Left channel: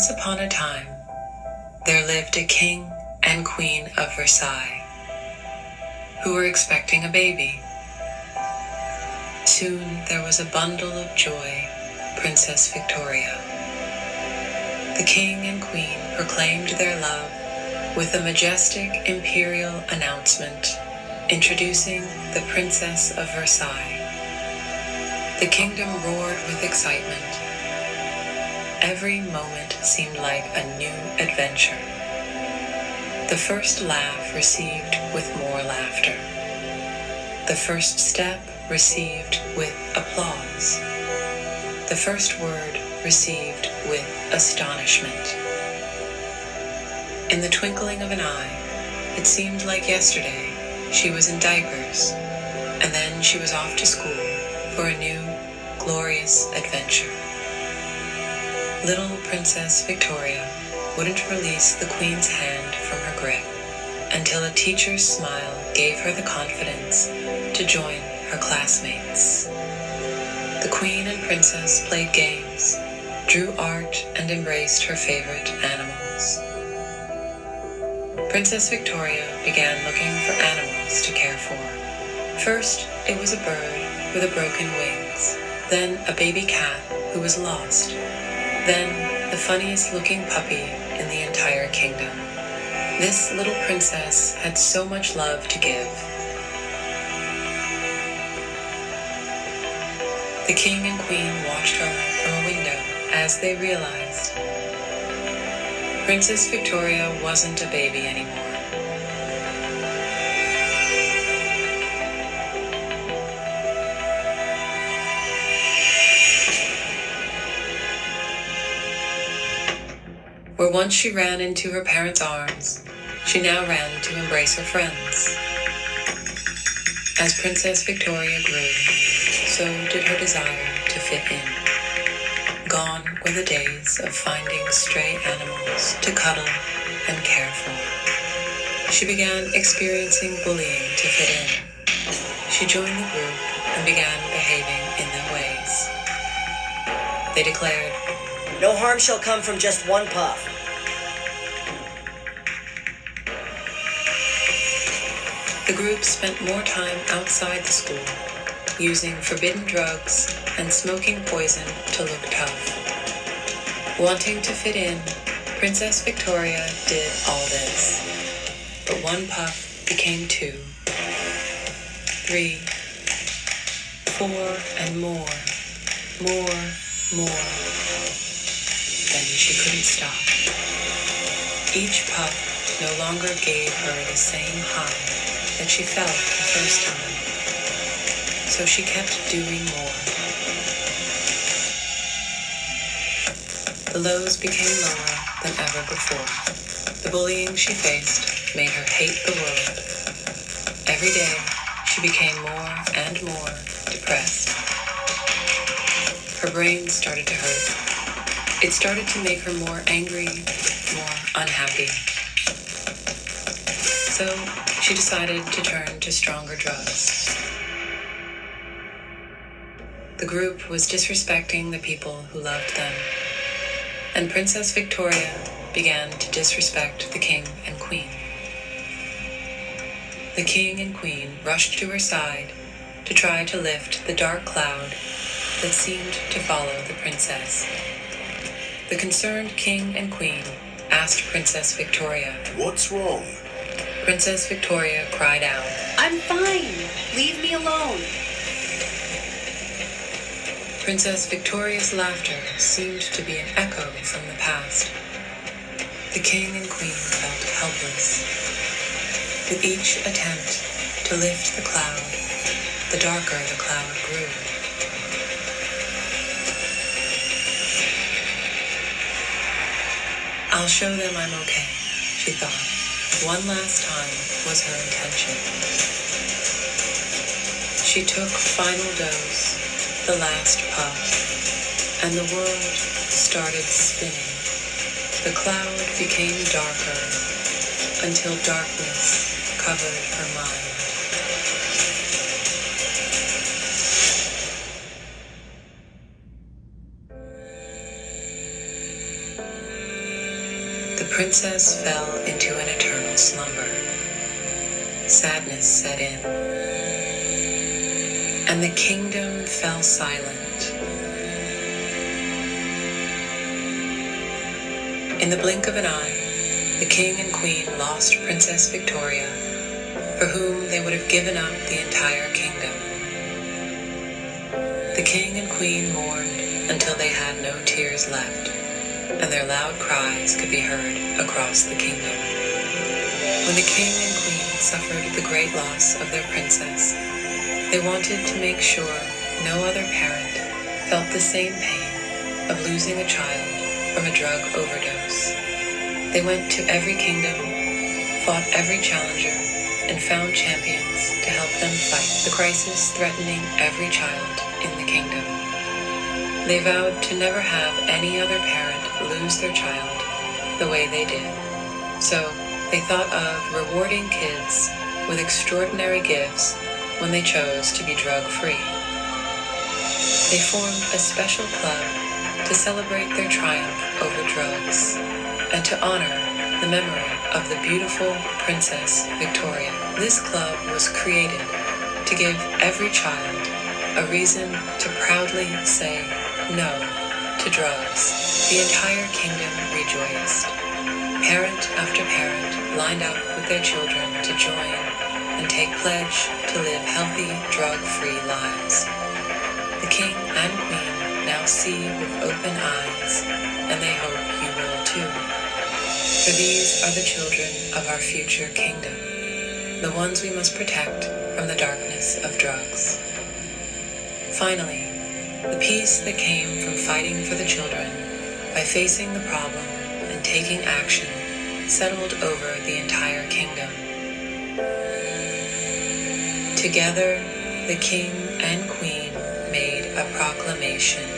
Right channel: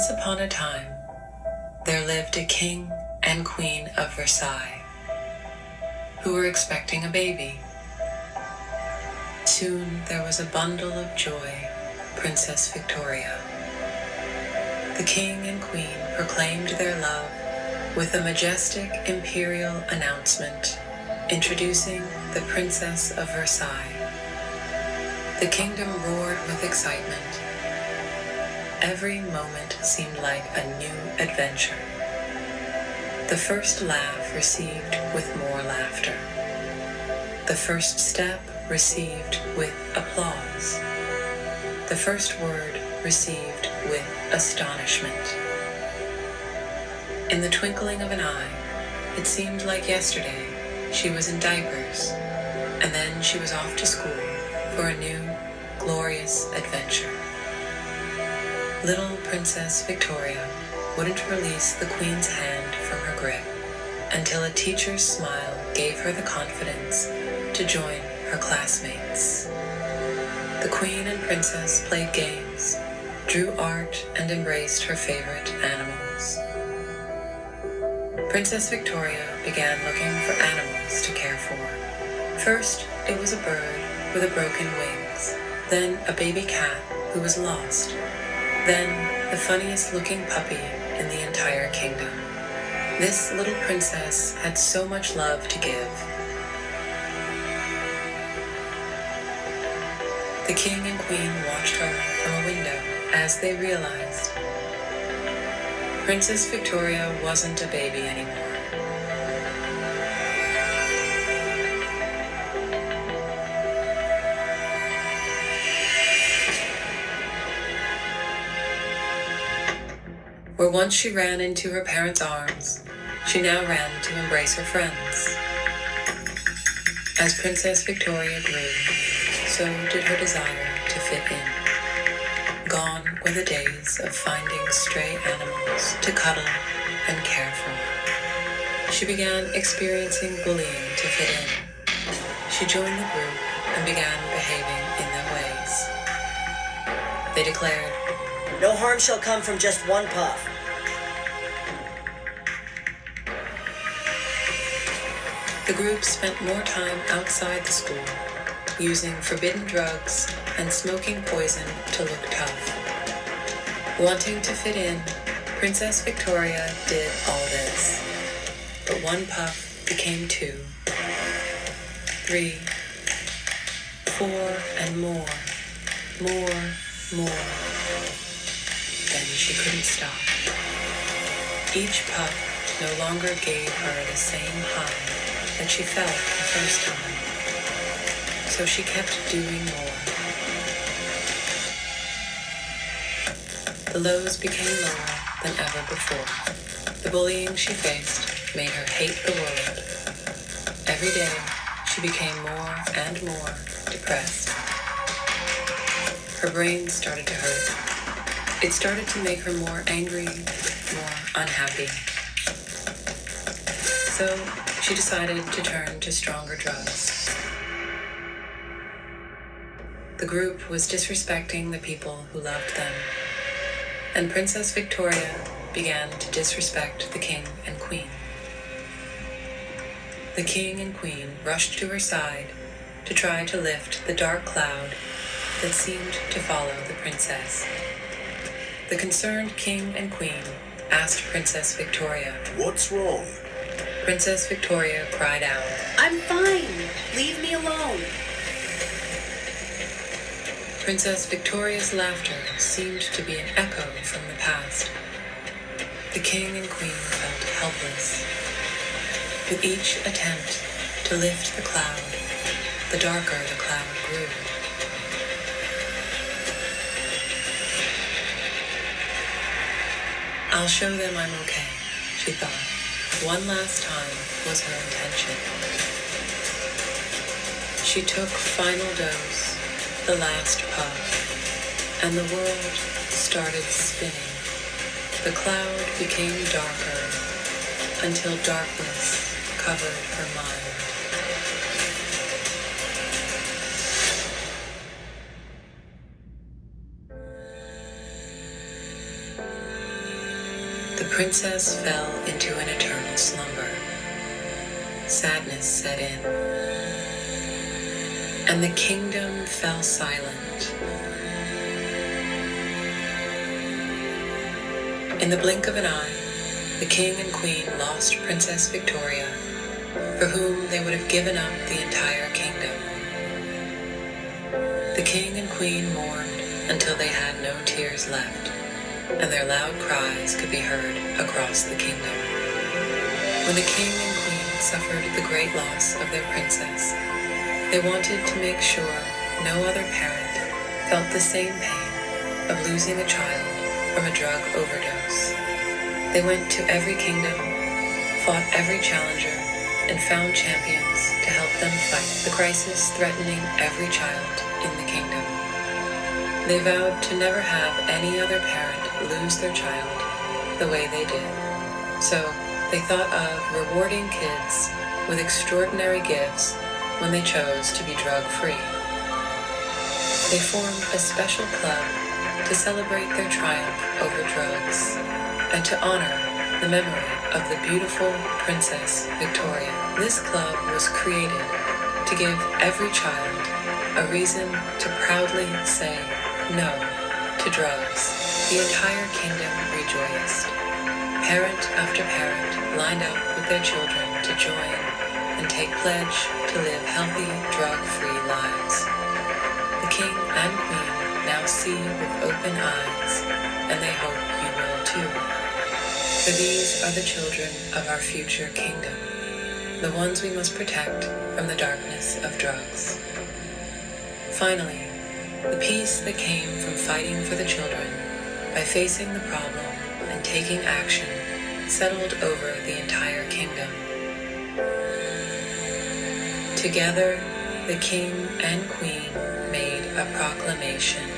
Once upon a time, there lived a king and queen of Versailles who were expecting a baby. Soon there was a bundle of joy, Princess Victoria. The king and queen proclaimed their love with a majestic imperial announcement introducing the Princess of Versailles. The kingdom roared with excitement. Every moment seemed like a new adventure. The first laugh received with more laughter. The first step received with applause. The first word received with astonishment. In the twinkling of an eye, it seemed like yesterday she was in diapers, and then she was off to school for a new, glorious adventure. Little Princess Victoria wouldn't release the Queen's hand from her grip until a teacher's smile gave her the confidence to join her classmates. The Queen and Princess played games, drew art, and embraced her favorite animals. Princess Victoria began looking for animals to care for. First, it was a bird with broken wings, then a baby cat who was lost, then the funniest looking puppy in the entire kingdom. This little princess had so much love to give. The king and queen watched her from a window as they realized Princess Victoria wasn't a baby anymore. Where once she ran into her parents' arms, she now ran to embrace her friends. As Princess Victoria grew, so did her desire to fit in. Gone were the days of finding stray animals to cuddle and care for. She began experiencing bullying to fit in. She joined the group and began behaving in their ways. They declared, "No harm shall come from just one puff." The group spent more time outside the school, using forbidden drugs and smoking poison to look tough. Wanting to fit in, Princess Victoria did all this. But one puff became 2, 3, 4, and more. Then she couldn't stop. Each puff no longer gave her the same high that she felt the first time. So she kept doing more. The lows became lower than ever before. The bullying she faced made her hate the world. Every day, she became more and more depressed. Her brain started to hurt. It started to make her more angry, more unhappy. So she decided to turn to stronger drugs. The group was disrespecting the people who loved them, and Princess Victoria began to disrespect the king and queen. The king and queen rushed to her side to try to lift the dark cloud that seemed to follow the princess. The concerned king and queen asked Princess Victoria, "What's wrong?" Princess Victoria cried out, "I'm fine. Leave me alone." Princess Victoria's laughter seemed to be an echo from the past. The king and queen felt helpless. With each attempt to lift the cloud, the darker the cloud grew. "I'll show them I'm okay," she thought. One last time was her intention. She took final dose, the last puff, and the world started spinning. The cloud became darker until darkness covered her mind. princess fell into an eternal slumber. Sadness set in, and the kingdom fell silent. In the blink of an eye, the king and queen lost Princess Victoria, for whom they would have given up the entire kingdom. The king and queen mourned until they had no tears left, and their loud cries could be heard across the kingdom. When the king and queen suffered the great loss of their princess, they wanted to make sure no other parent felt the same pain of losing a child from a drug overdose. They went to every kingdom, fought every challenger, and found champions to help them fight the crisis threatening every child in the kingdom. They vowed to never have any other parent lose their child the way they did. So they thought of rewarding kids with extraordinary gifts when they chose to be drug-free. They formed a special club to celebrate their triumph over drugs and to honor the memory of the beautiful Princess Victoria. This club was created to give every child a reason to proudly say no to drugs. The entire kingdom rejoiced. Parent after parent lined up with their children to join and take pledge to live healthy, drug-free lives. The king and queen now see with open eyes, and they hope you will too. For these are the children of our future kingdom, the ones we must protect from the darkness of drugs. Finally, the peace that came from fighting for the children by facing the problem and taking action settled over the entire kingdom. Together, the king and queen made a proclamation.